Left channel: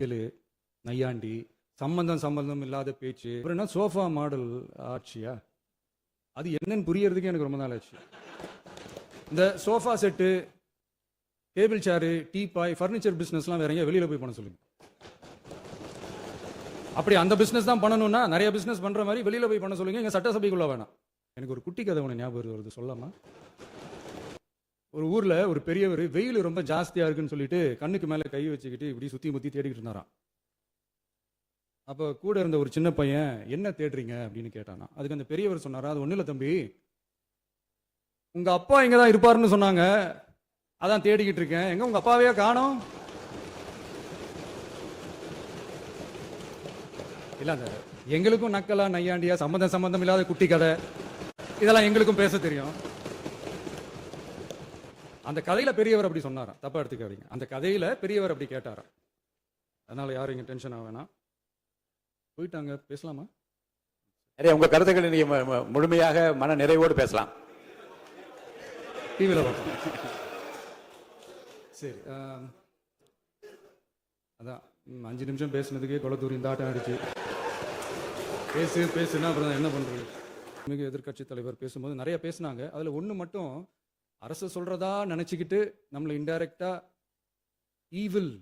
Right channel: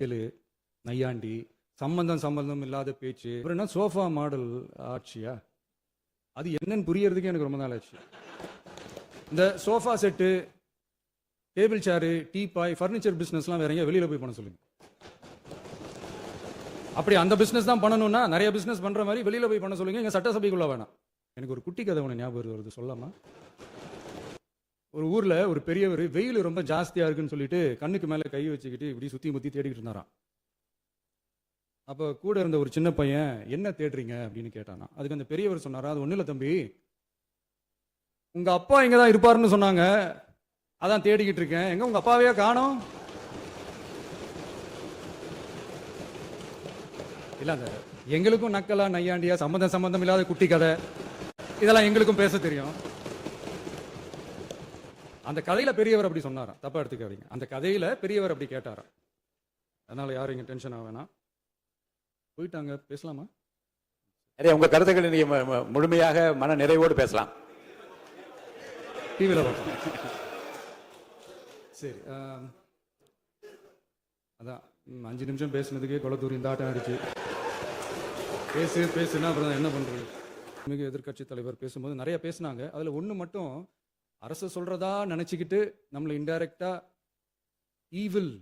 நையாண்டி, சம்பந்தம் இல்லாத பேச்சு. அப்புறம் என்ன சோஃபா மாடல் ஆட்சியா? அது என்னன்னு புரியறதுக்கு எனக்கு ரொம்ப நாள் ஆச்சு. இந்த sofa set, table chair, teapoy, furniture பிசினஸ்லாம் வேற எங்கேயா வெளியில போய் பண்ண சொல்லுங்க. அப்படி அந்த பிசினஸ் தான் பண்ணணும்னா நிறைய பிசினஸ் பண்ற மாதிரி வெளியில போய் பண்ண சொல்லுங்க. எங்க சட்டசபைக்குள்ள வேணாம். எனக்கு ஒரு குட்டி கதை ஒன்று ஞாபகம் வருது, சொல்லாமா? ஒரு ஊர்ல ஒரு பெரியவர் வெயில் ரொம்ப ஜாஸ்தியா இருக்குன்னு சொல்லிட்டு கண்ணுக்கு மேல கை வச்சுக்கிட்டு இப்படி சுத்தி முத்தி தேடிக்கிட்டு இருந்தாராம். அப்ப கூட இருந்த ஒரு சின்ன பையன் என்ன தேடுறீங்க அப்படின்னு கேட்டானா. அதுக்கு அந்த பெரியவர் சொன்னாரா, அது ஒண்ணு இல்ல தம்பி, உங்க அப்பா இங்கதான் இருப்பாருன்னு சொன்னாங்க, அதான் தேடிக்கிட்டு இருக்கேன். எங்க உங்க அப்பாவையா காணோம்? இல்ல எங்களுக்கும் நக்கலா நையாண்டியா சம்பந்தம் இல்லாத குட்டி கதை இதெல்லாம் எங்களுக்கும் பேச தெரியும். அந்த கதையில பெரியவர் அப்படி சொன்னாராம், தப்பா எடுத்துக்காதீங்க. அந்த கதையில பெரியவர் அப்படி கேட்டாராம். அதனால யாரும் இங்க டென்ஷன் ஆக வேணாம். போயிட்டாங்க, பேசலாமா? நிறைய உங்க கருத்துக்களை நீங்க முழுமையாக மன நிறைவோடு பேசலாம். டிவியில பார்ப்போம். சரி, அதான் 5 நிமிஷம் பேசுனதுக்கே கொலத்தூரி இந்த ஆட்டம் ஆயிடுச்சு. பேசுனா அப்புறம் என்ன பண்றது? மிக எதிர்கட்சி தலைவர் பேசும்போது நிறைய பேசினாங்க. அதுல ஒண்ணு மட்டும் அரசு சொல்றதா நினைச்சுக்கிட்டு நம்மளை இன்டைரக்டா ஈவில்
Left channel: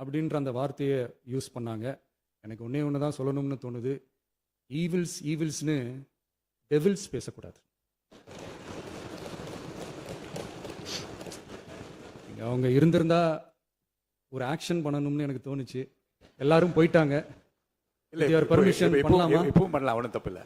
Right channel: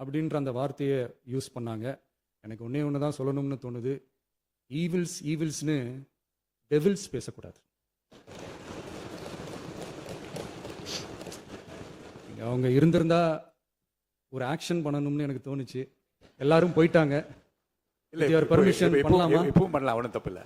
அப்படின்ற அந்த வார்த்தையை யூஸ் பண்ணாங்க. எனக்கு ஒன்னே ஒண்ணுதான் சொல்லணும்னு தோணுது. ஈவில்ஸ்னு டெவில்ஸ் பேசக்கூடாது. அவங்க இருந்திருந்தா ஒரு ஆக்ஷன் பண்ணணும்னு எனக்கு தோணுச்சு. எல்லாரும் போயிட்டாங்க. இல்ல பர்மிஷன் பண்ணலாமா? இப்பவும் பண்ணலாம், ஒன்றும் தப்பு இல்லை.